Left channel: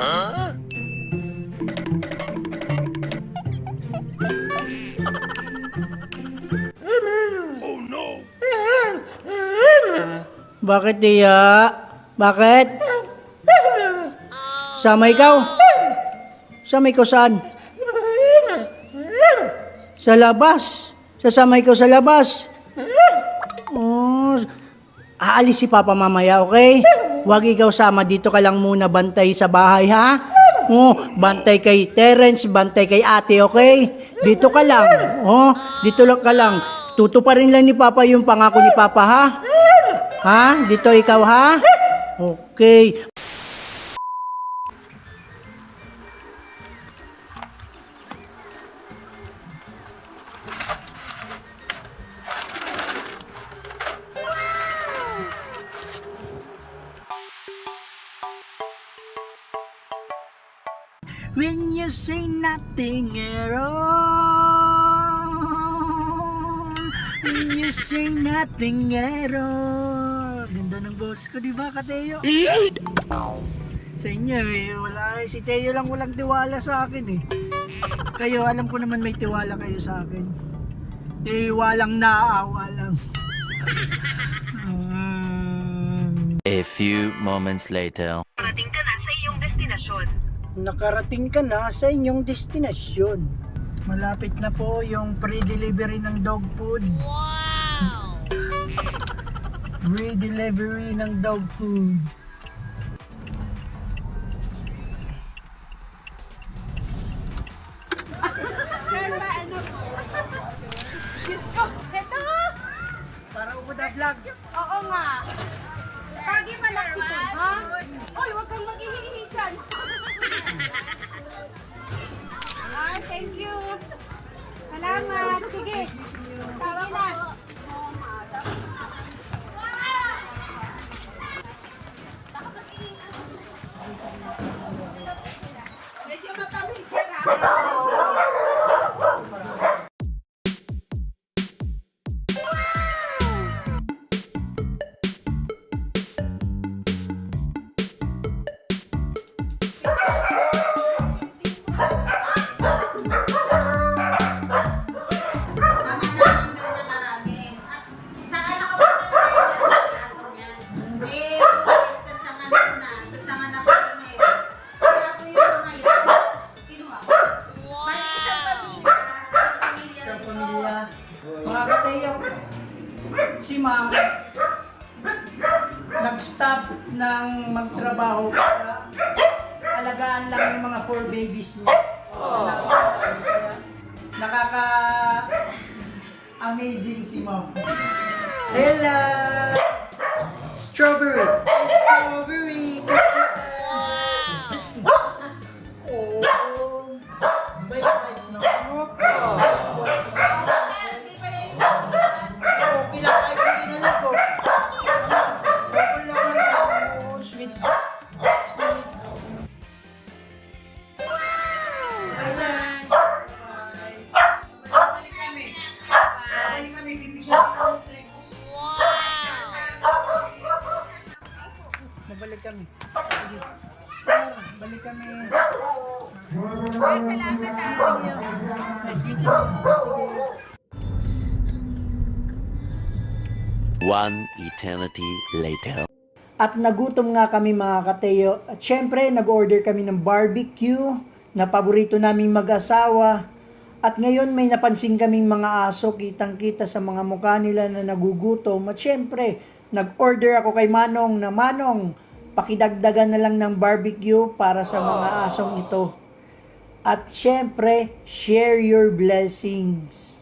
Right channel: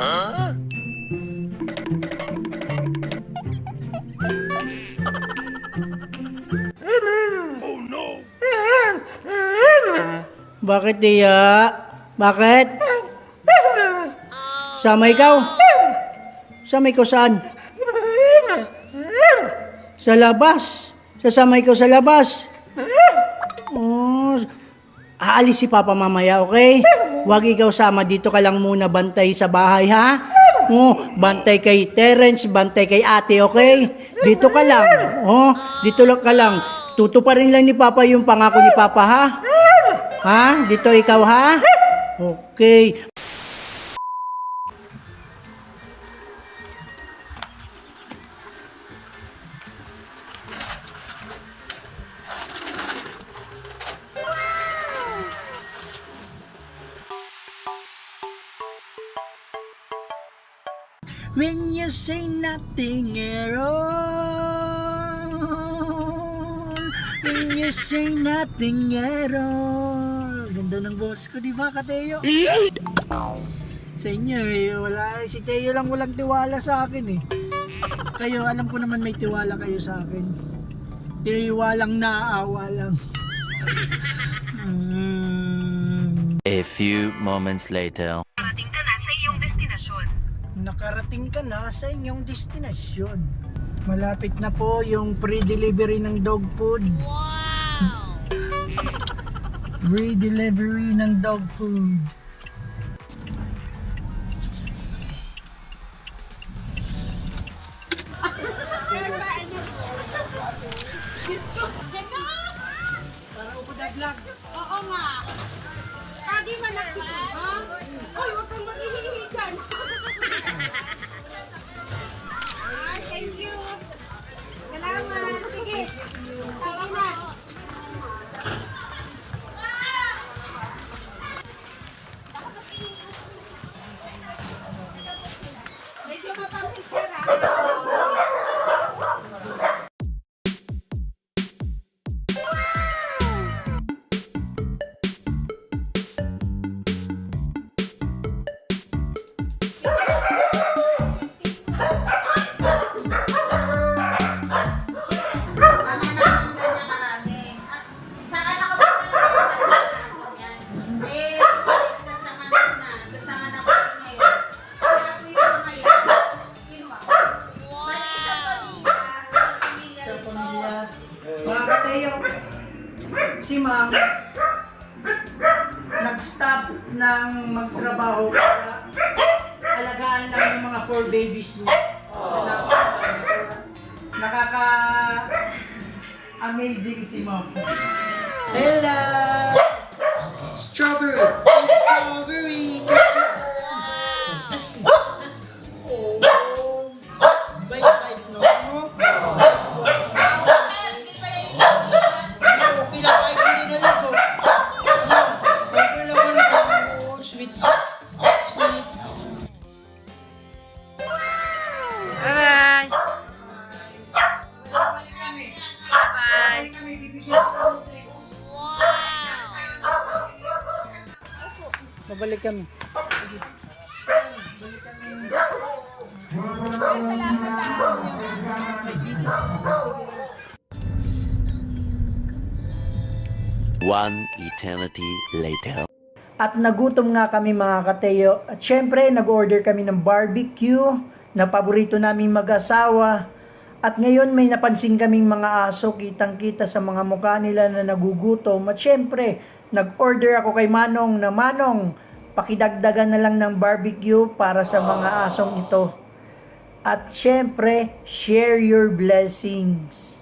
Bakit Tia? Bakit? Sama ikaw? Sama ikaw saan? Sa labas. Sasama ikaw sa labas. Oh, aalis si Papa mamaya, okay? Huwag ikaw sama. Dito ka lang muna bantay sa bahay, ha? Oh, bantay kay Terence, bantay kay ate, okay? Dito ka lang. Oh, dito lang ka lang. Tutuparin lang ni Papa yung pangako ni Papa, ha? Ha? Dito ikaw, ha? Okay. When you say nothing at all When you say nothing at all Ganda ng boss ko, di ba, Kateo? Sa inyo eh, wala, si Teo lang walang tiwala sa akin eh. Kayo, alam ko naman may tiwala kayo sa akin. Tiwalang naawa lang. Um, A few moments later. Parating ka na. Nakarating ka na sa inyong destinasyon. Malapit na po yung pre-delivery ng dog food. Wow! Pre-delivery ng dog food. Para upo na vlog. Oo nga. Lagi malaki ka, ha? Uy, huwag kang maghihihi dyan. ah, thank you. Salamat. Sige. Sige na. Medyo matamis sir, si ma'am nag-stop ng magtrabaho para alagaan lang yung mga four babies niya. Kaya nakaka amazing si ma'am. Hello! Strawberry! Strawberry! Mabalik kami. Sige. Ah, Balik kami. Nice meeting you. One eternity later. At nagutom nga kami mga kateyo. At syempre, nag-order kami ng barbecue na paborito naming mag-asawa. At ngayon may napansin kaming mga aso, kitang-kita sa mga mukha nila na nagugutom. At syempre, nag-order ako kay Manong na Manong, pakidagdagan na lang ng barbecue para sa mga asong ito. At syempre, share your blessings.